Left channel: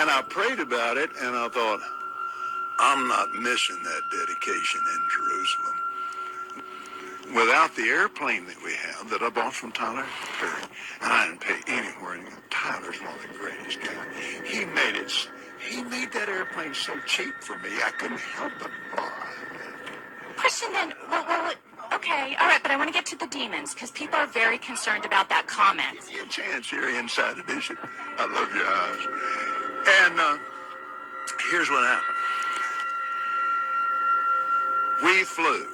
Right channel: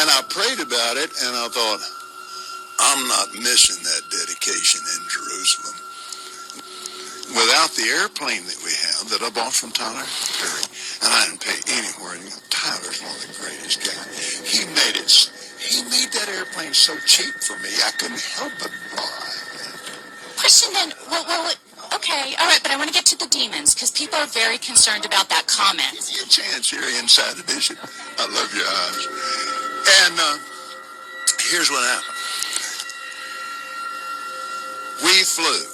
And I prayed about it, and I thought, I'm not missing that dedication in Jerusalem. Without the airplane that we have that I bought from Tyler Perry, and I didn't pay anywhere. And Tyler's one of the greatest guys. He made that airplane so cheap for me, I couldn't help but buy it. Question then, well, okay, all right, but I want to get to the demons, because people are very concerned about that comment. Give you a chance here, Inside Edition. I love your eyes. And here's what happened. We flew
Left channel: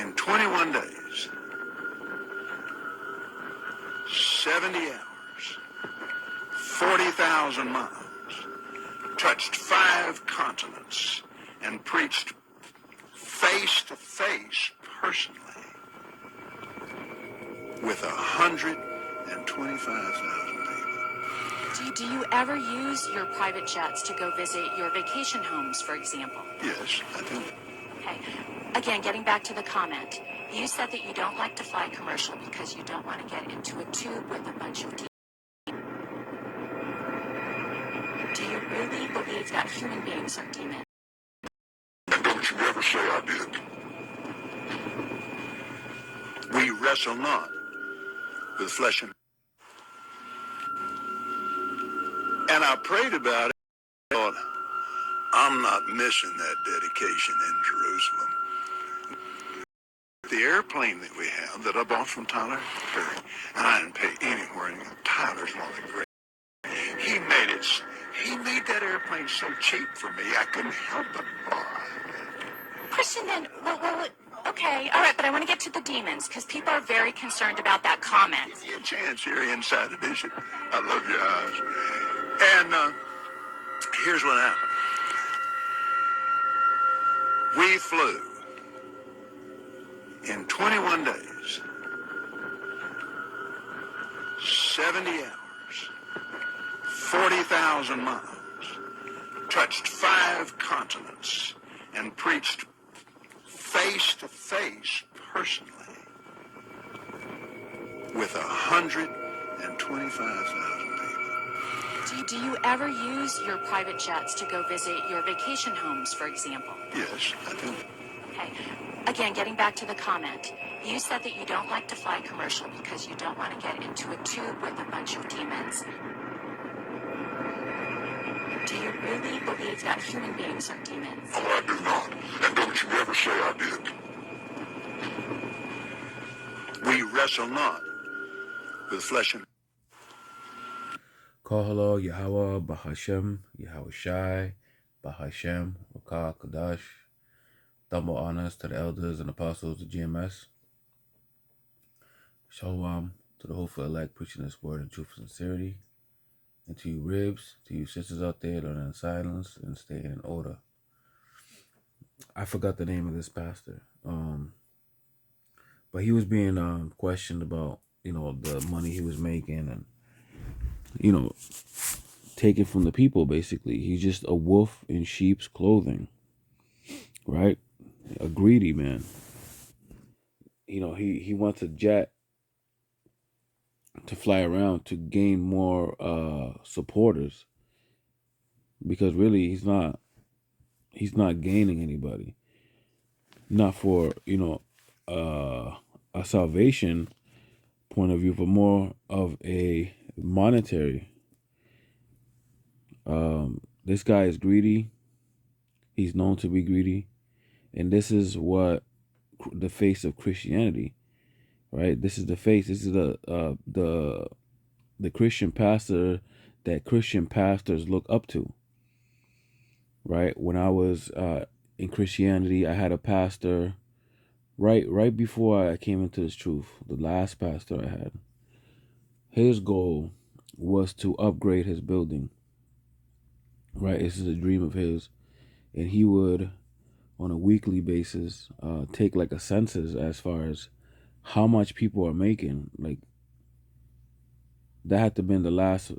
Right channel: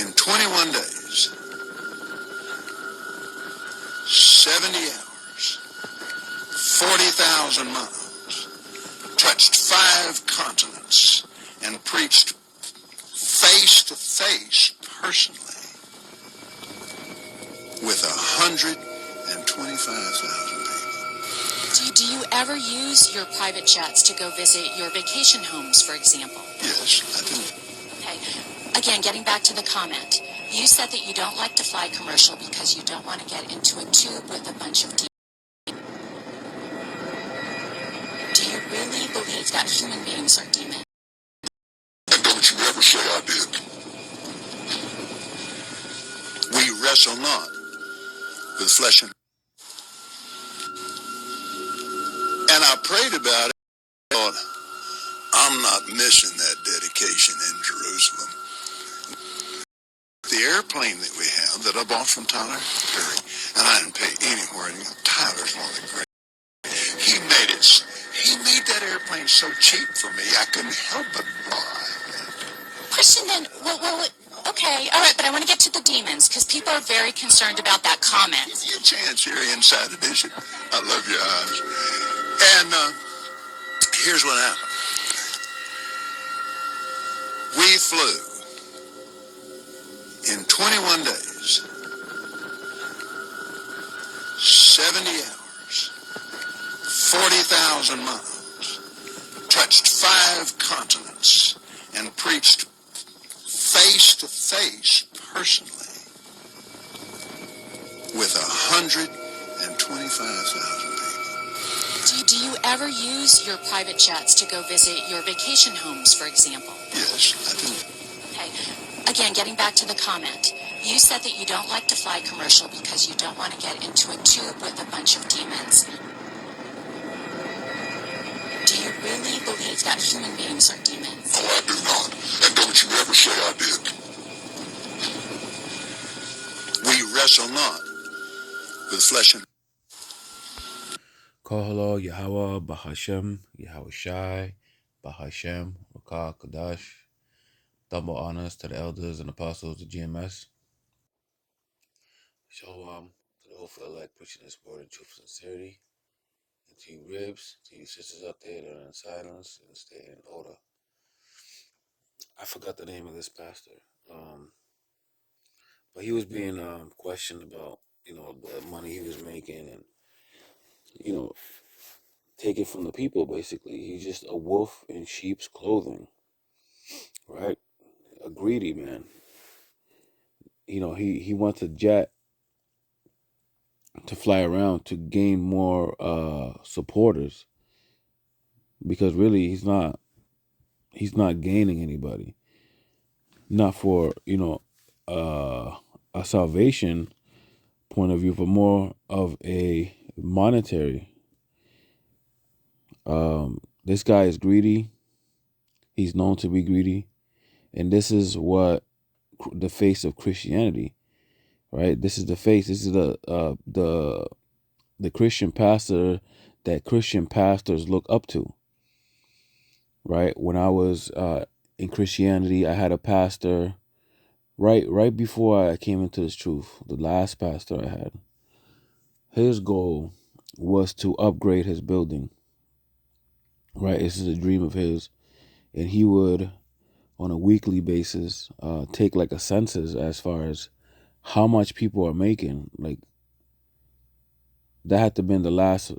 in 21 days, 70 hours, 40,000 miles, touched 5 continents, and preached face to face personally with 125,000 people. Do you ever use your private jets to go visit your vacation homes, for example? Yes, I do. Okay. Again, getting back to the comment, you said that you don't like to fly commercial because you don't want to get into a tube with a bunch of demons. Do you really believe that human beings are demons? And don't you ever say I did. We wrestle not with flesh and I prayed about it. I thought, I'm not missing that dedication in Jerusalem. The airplane that we have that I bought from Tyler Perry, and I didn't pay anywhere. And Tyler's one of the great. He made that airplane so cheap for me, I couldn't help but buy it. Question then, well, okay, all right, but I want to get to the demons, because people are very concerned about that comment. Give you a chance here, Inside Edition. I love your eyes. And here's what happened. We flew in 21 days, 70 hours, 40,000 miles, touched 5 continents, and preached face to face personally with 125,000 people. Do you ever use your private jets to go visit your vacation homes, for example? Yes, I do. Okay. Again, getting back to the comment, you said that you don't like to fly commercial because you don't want to get into a tube with a bunch of demons. Do you really believe that human beings are demons? Oh, I do not. And don't you ever say I did. We wrestle not with flesh and Kohalo, Yahweh, Bahashem, Yahweh Shai, Bahashem, Rakah, Kadash. Double honors to the elders and apostles of GMS. Shalom to the hopeful elect preaching this word in truth and sincerity. And to you ribs, to you sisters out there that are in silence and staying in order. I forgot the name of this pastor. But he was being questioned about, the money he was making and, taken from the people, basically. He's just a wolf in sheep's clothing, right? A greedy man. He wants a jet to fly around to gain more supporters, because really he's not gaining anybody. Not for, a salvation point of view, but more of a monetary. This guy is greedy. He's known to be greedy. And this is what the face of Christianity, right? This is the face. This is the Christian pastor that Christian pastors look up to, right? When I was in Christianity, I had a pastor right before I came into this truth. The last pastor I had, his goal was to upgrade his building, right? This is a dream of his, and he would, on a weekly basis, take like a census as far as how much people are making. Like, that had to have been the last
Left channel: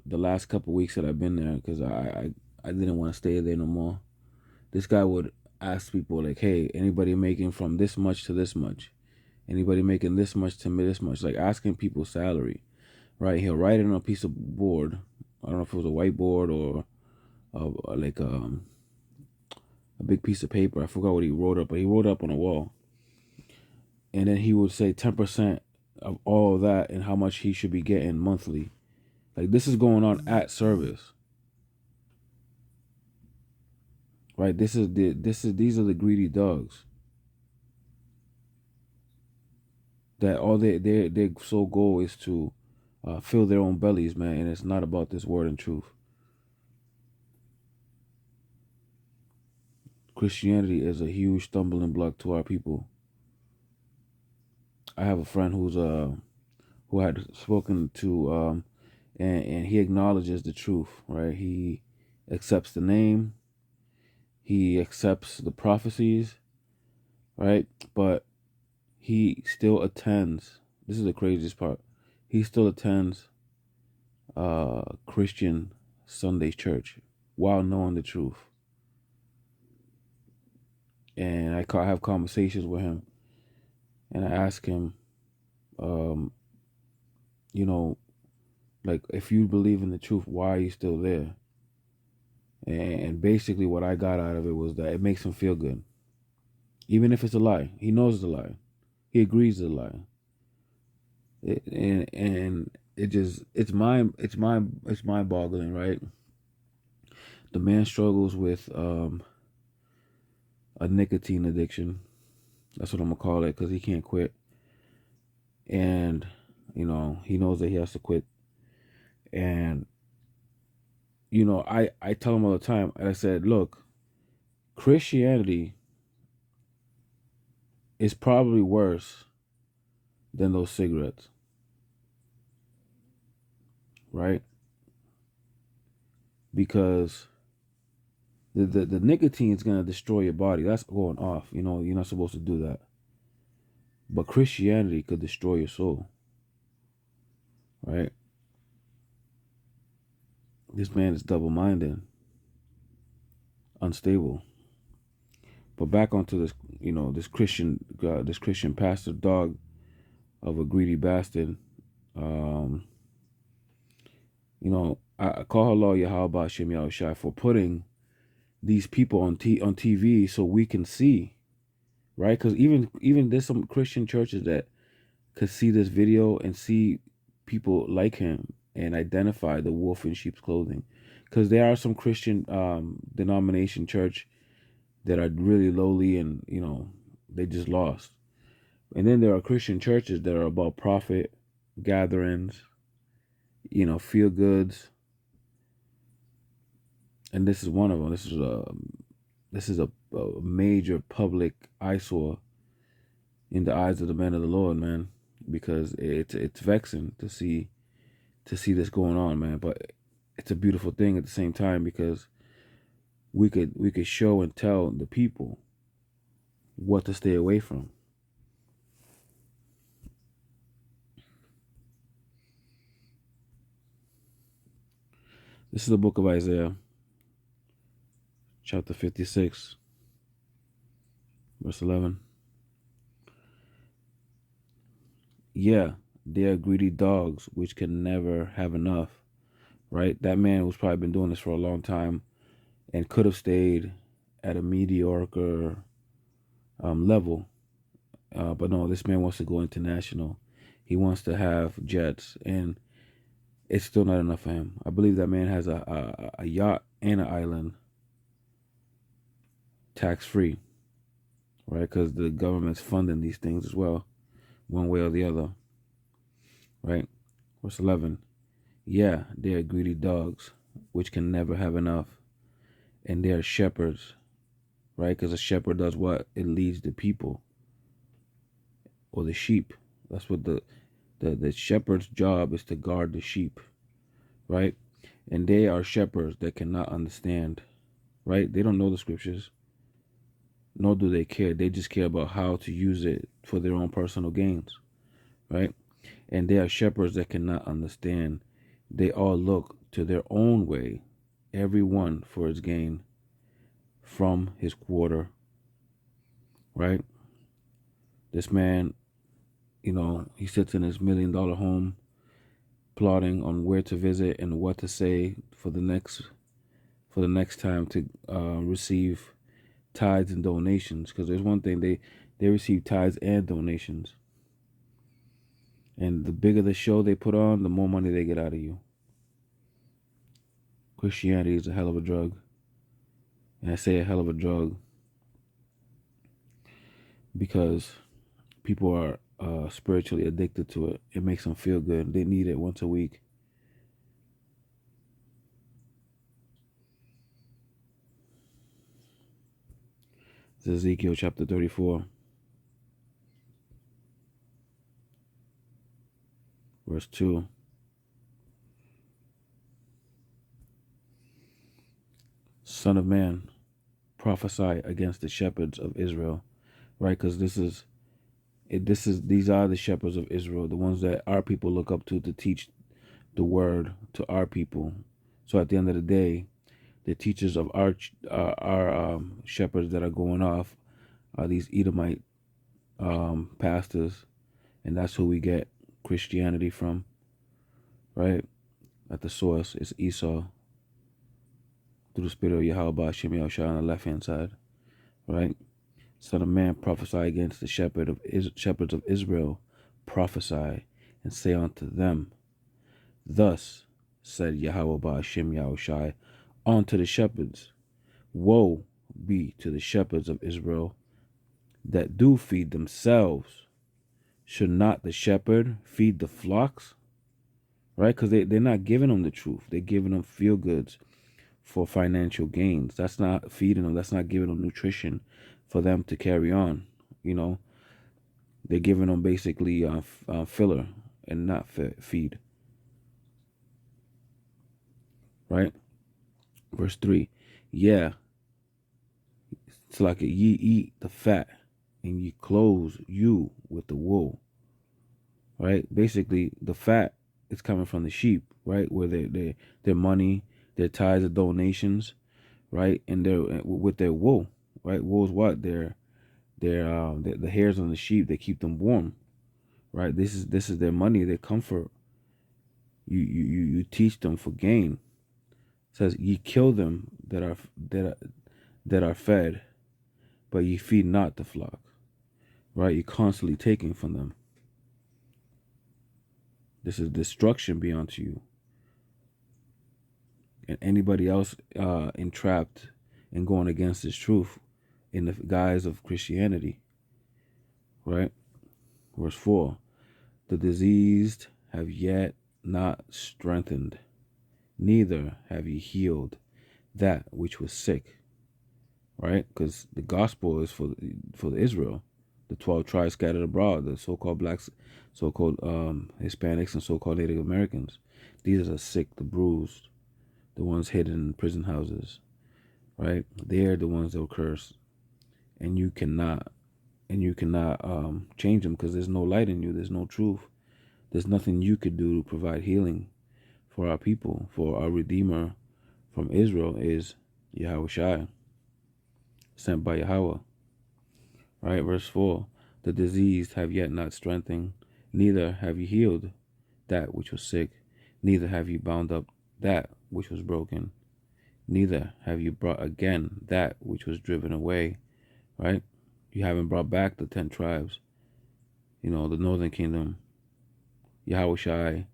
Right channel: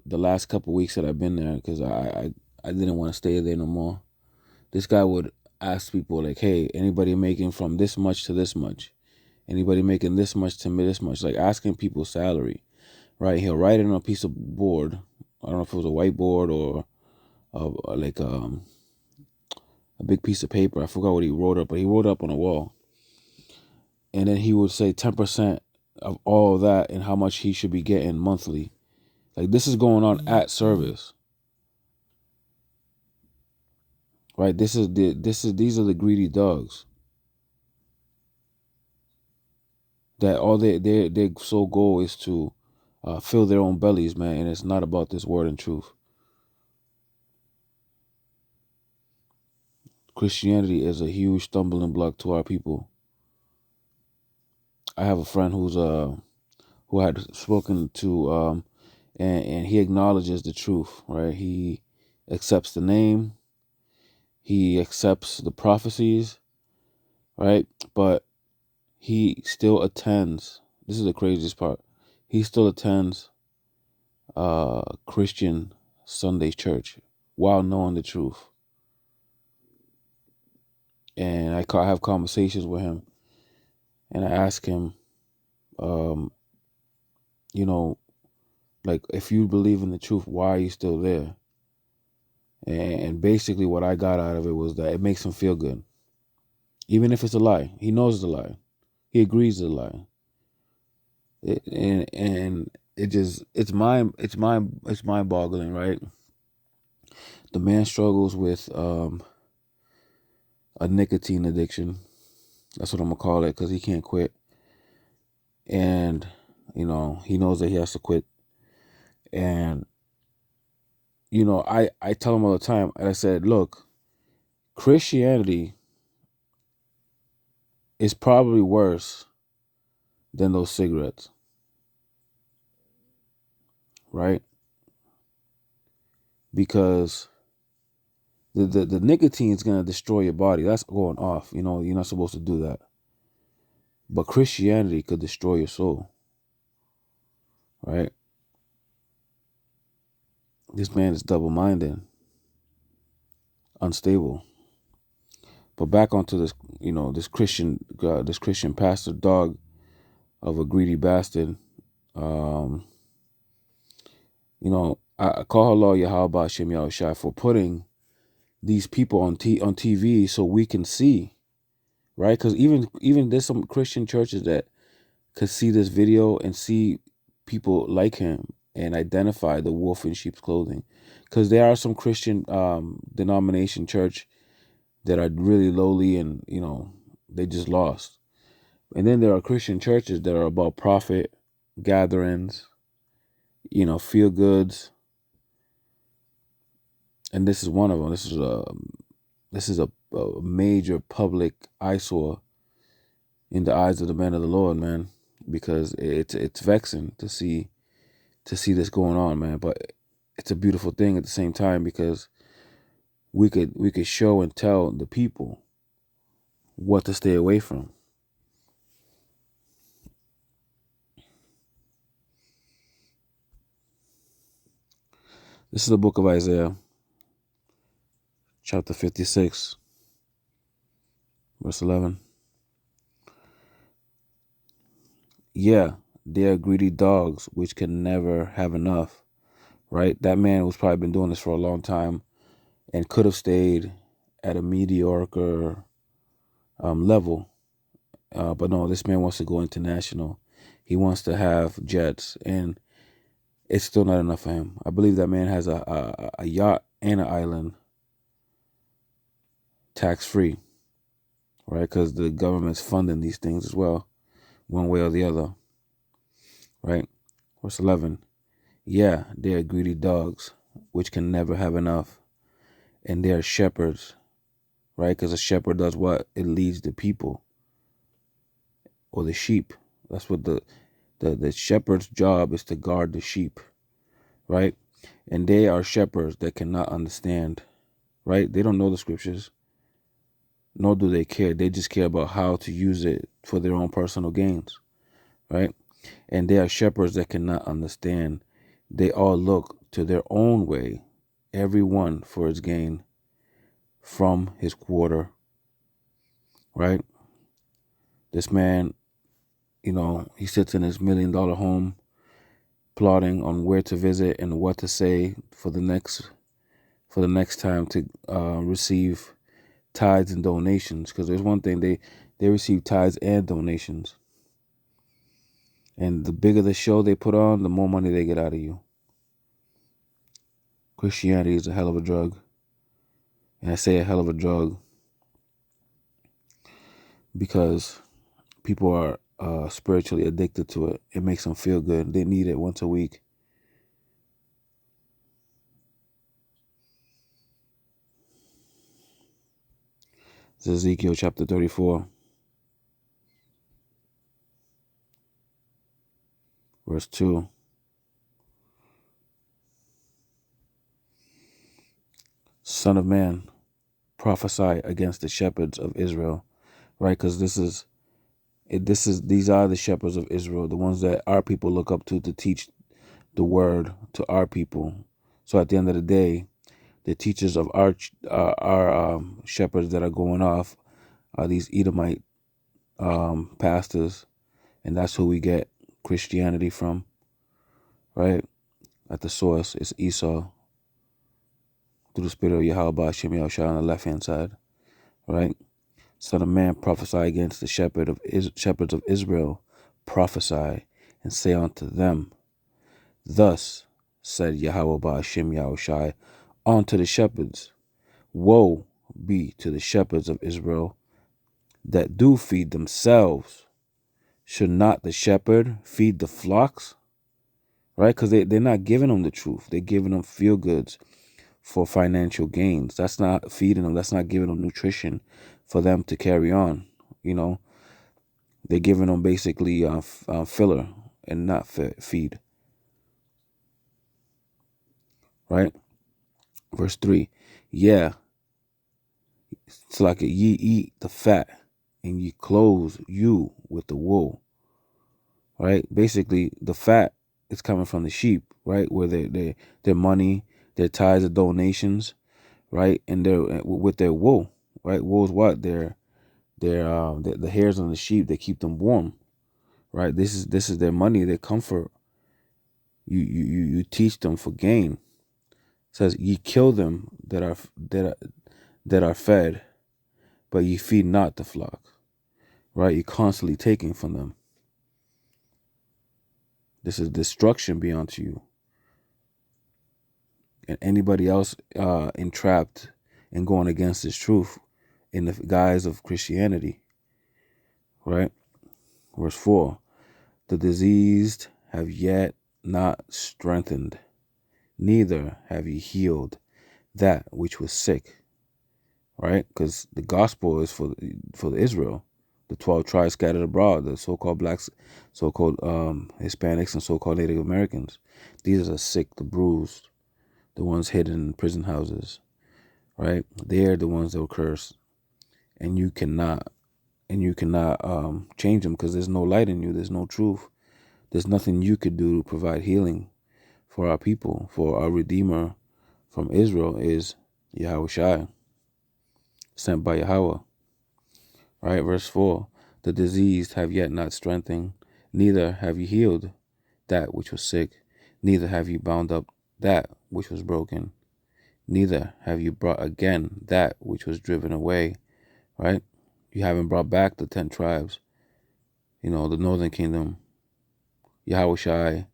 couple of weeks that I've been there, because I didn't want to stay there no more. This guy would ask people like, hey, anybody making from this much to this much? Anybody making this much to this much? Like, asking people's salary, right? He'll write it on a piece of board, I don't know if it was a whiteboard or like a big piece of paper. I forgot what he wrote up, but he wrote up on a wall. And then he would say 10% of all of that and how much he should be getting monthly. Like, this is going on at service, right? These are the greedy dogs that all their sole goal is to fill their own bellies, man. And it's not about this word and truth. Christianity is a huge stumbling block to our people. I have a friend who had spoken to and he acknowledges the truth, right? He accepts the name, he accepts the prophecies, right? But he still attends. This is the craziest part. He still attends Christian Sunday church while knowing the truth. And I have conversations with him, and I ask him, you know, like, if you believe in the truth, why are you still there? And basically what I got out of it was that it makes him feel good. Even if it's a lie. He knows it's a lie. He agrees it's a lie. And it just, it's mind boggling, right? The man struggles with a nicotine addiction. That's what I'm gonna call it, because he can't quit. And, you know, he knows that he has to quit. And, you know, I tell him all the time, I said, look, Christianity is probably worse than those cigarettes, right? Because the nicotine is going to destroy your body. That's going off. You know, you're not supposed to do that. But Christianity could destroy your soul, right? This man is double-minded, unstable. But back onto this, you know, this Christian pastor dog of a greedy bastard. You know, I call Allah Yahweh Shem Yahushua for putting these people on TV so we can see, right? Because even there's some Christian churches that could see this video and see people like him and identify the wolf in sheep's clothing. Because there are some Christian denomination church that are really lowly and, you know, they just lost. And then there are Christian churches that are about profit, gatherings, you know, feel goods. And this is one of them. This is a major public eyesore in the eyes of the man of the Lord, man, because it's vexing to see this going on, man. But it's a beautiful thing at the same time, because we could show and tell the people what to stay away from. This is the book of Isaiah, chapter 56, verse 11. Yeah, they are greedy dogs which can never have enough, right? That man who's probably been doing this for a long time and could have stayed at a mediocre level. But no, this man wants to go international. He wants to have jets, and it's still not enough for him. I believe that man has a yacht and an island tax-free, right? Because the government's funding these things as well, one way or the other, right? Verse 11. Yeah, they are greedy dogs, which can never have enough. And they are shepherds, right? Because a shepherd does what? It leads the people or the sheep. That's what the shepherd's job is, to guard the sheep, right? And they are shepherds that cannot understand, right? They don't know the scriptures, nor do they care. They just care about how to use it for their own personal gains, right? And they are shepherds that cannot understand. They all look to their own way, every one for his gain from his quarter, right? This man, you know, he sits in his $1 million home plotting on where to visit and what to say for the next time to receive tithes and donations. Because there's one thing, they receive tithes and donations, and the bigger the show they put on, the more money they get out of you. Christianity is a hell of a drug, and I say a hell of a drug because people are spiritually addicted to it. It makes them feel good. They need it once a week. It's Ezekiel chapter 34, verse 2. Son of man, prophesy against the shepherds of Israel, right? Because these are the shepherds of Israel, the ones that our people look up to teach the word to our people. So at the end of the day, the teachers of our shepherds that are going off are these Edomite pastors, and that's who we get Christianity from, right? At the source, it's Esau through the spirit of Yahweh Hashem Yahushua on the left hand side, right? Son of man, prophesy against the shepherds of Israel, prophesy and say unto them, thus said Yahweh Hashem Yahushua unto the shepherds, woe be to the shepherds of Israel that do feed themselves. Should not the shepherd feed the flocks? Right? Because they're not giving them the truth. They're giving them feel goods for financial gains. That's not feeding them. That's not giving them nutrition for them to carry on. You know, they're giving them basically filler and not feed. Right? Verse 3. Yeah. It's like ye eat the fat and ye clothe you with the wool. Right? Basically, the fat is coming from the sheep, right? Where their money, their tithes, and donations, right? And they're with their wool, right? Wool is what? The hairs on the sheep that keep them warm, right? This is their money, their comfort. You teach them for gain. It says ye kill them that are fed, but ye feed not the flock, right? You're constantly taking from them. This is destruction beyond you. And anybody else entrapped and going against this truth in the guise of Christianity, right? Verse 4, the diseased have yet not strengthened, neither have ye healed that which was sick, right? Because the gospel is for Israel, the 12 tribes scattered abroad, the so-called blacks, so-called Hispanics, and so-called Native Americans. These are the sick, the bruised, the ones hidden in prison houses, right? They're the ones that were cursed, and you cannot change them because there's no light in you. There's no truth. There's nothing you could do to provide healing for our people. For our Redeemer from Israel is Yahweh Shai, sent by Yahweh. Right, verse 4, the diseased have yet not strengthened, neither have you healed that which was sick, neither have you bound up that which was broken, neither have you brought again that which was driven away, right? You haven't brought back the 10 tribes, the northern kingdom. Yahweh Shai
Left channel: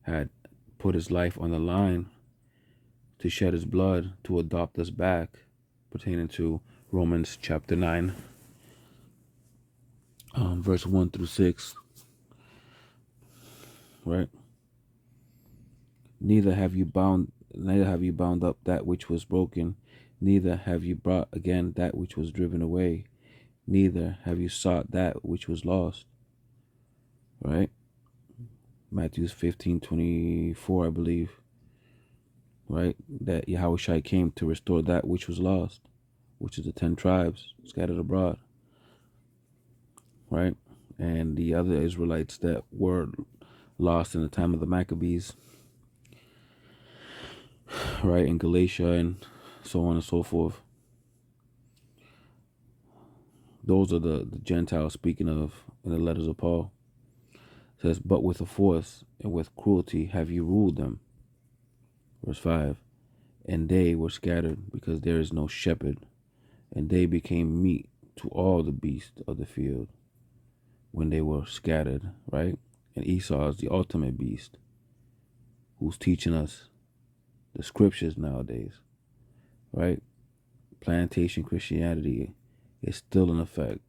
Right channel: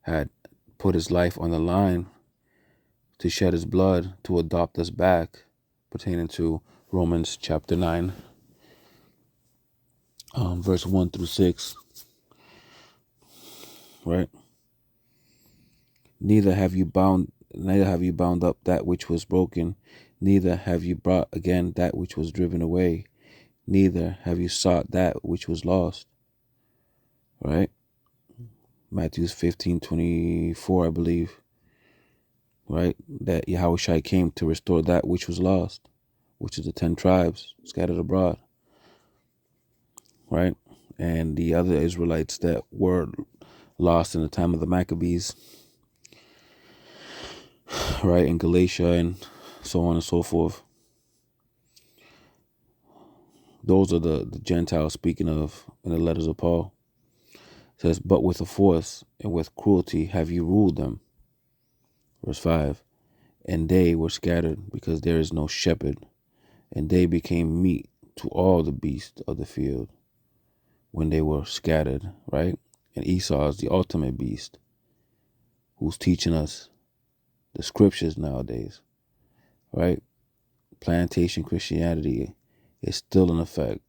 had put his life on the line to shed his blood to adopt us back, pertaining to Romans chapter 9, verse 1 through 6, right? Neither have you bound up that which was broken, neither have you brought again that which was driven away, neither have you sought that which was lost. Right? Matthew 15:24, I believe. Right? That Yahweh Shai came to restore that which was lost, which is the 10 tribes scattered abroad. Right? And the other Israelites that were lost in the time of the Maccabees, right, in Galatia and so on and so forth. Those are the Gentiles speaking of in the letters of Paul. It says, but with a force and with cruelty have you ruled them. Verse 5, and they were scattered because there is no shepherd, and they became meat to all the beasts of the field when they were scattered, right? And Esau is the ultimate beast who's teaching us the scriptures nowadays, right? Plantation Christianity is still in effect,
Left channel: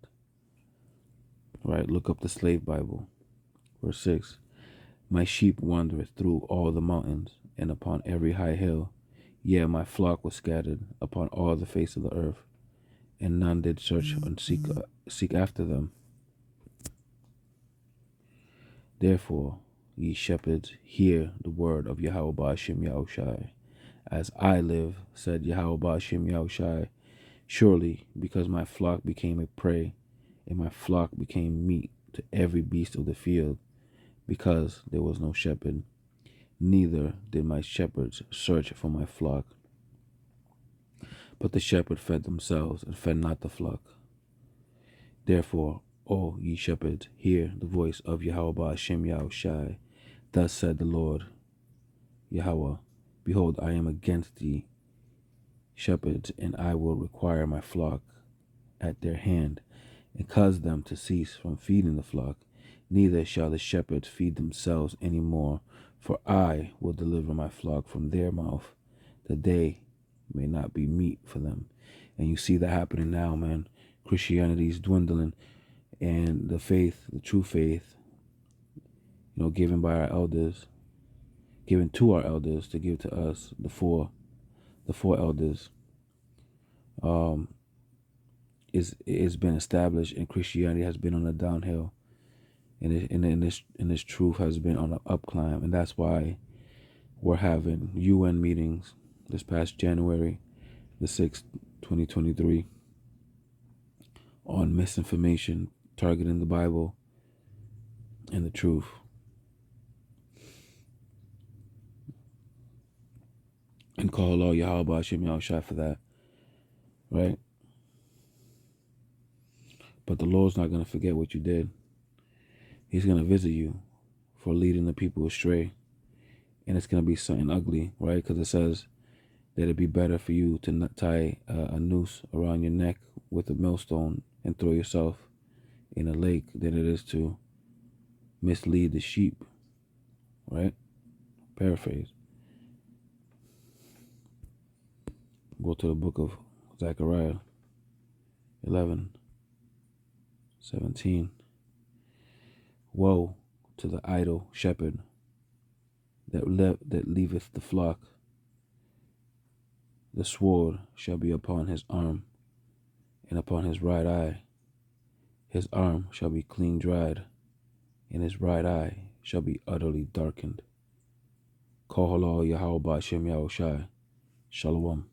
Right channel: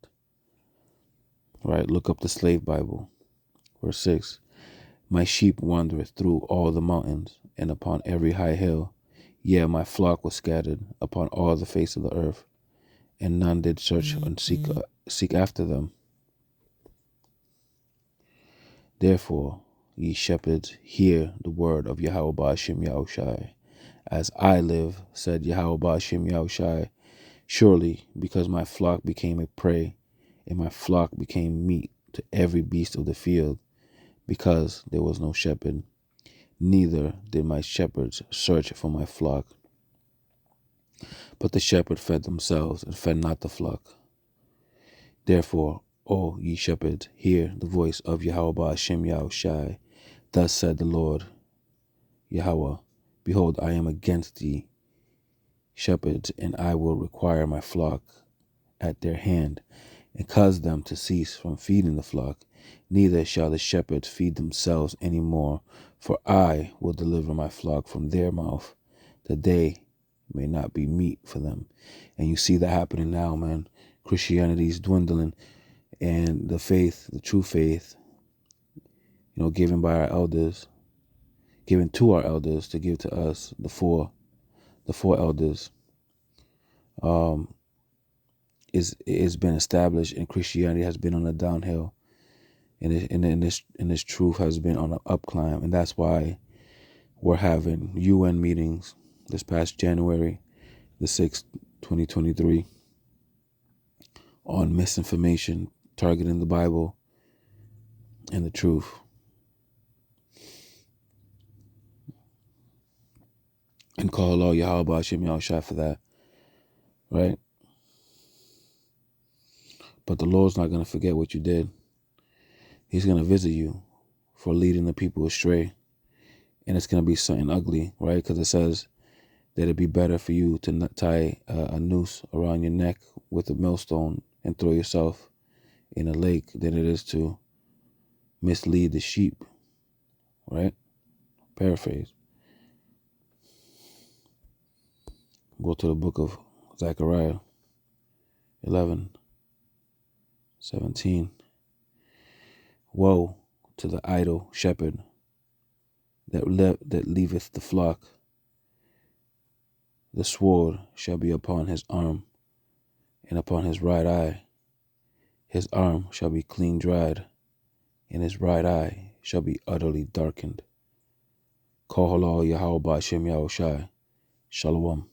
right? Look up the Slave Bible. Verse 6, my sheep wandereth through all the mountains and upon every high hill. Yea, my flock was scattered upon all the face of the earth, and none did search and seek after them. Therefore, ye shepherds, hear the word of Yahweh Ba'ashem Yahushai. As I live, said Yahweh Ba'ashem Yahushai, surely because my flock became a prey, and my flock became meat to every beast of the field, because there was no shepherd, neither did my shepherds search for my flock. But the shepherd fed themselves, and fed not the flock. Therefore, O ye shepherds, hear the voice of Yahweh Ba'ashem Yahushai. Thus said the Lord Yahweh, behold, I am against thee, shepherds, and I will require my flock at their hand, and cause them to cease from feeding the flock. Neither shall the shepherds feed themselves any more, for I will deliver my flock from their mouth, that they may not be meat for them. And you see that happening now, man. Christianity is dwindling, and the faith, the true faith, given by our elders, given to our elders to give to us, the four elders, is been established, and Christianity has been on a downhill, and this truth has been on an up climb, and that's why we're having UN meetings this past January the 6th, 2023, on misinformation targeting the Bible and the truth. And call Allah Yahweh Ba'ashem Yahushai for that, right? But the Lord's not going to forget what you did. He's going to visit you for leading the people astray. And it's going to be something ugly, right? Because it says that it'd be better for you to not tie a noose around your neck with a millstone and throw yourself in a lake than it is to mislead the sheep, right? Paraphrase. Go to the book of Zechariah 11:17. Woe to the idle shepherd that leaveth the flock. The sword shall be upon his arm, and upon his right eye. His arm shall be clean dried, and his right eye shall be utterly darkened. Call Halal Yahweh Ba'ashem Yahushai. Shalom.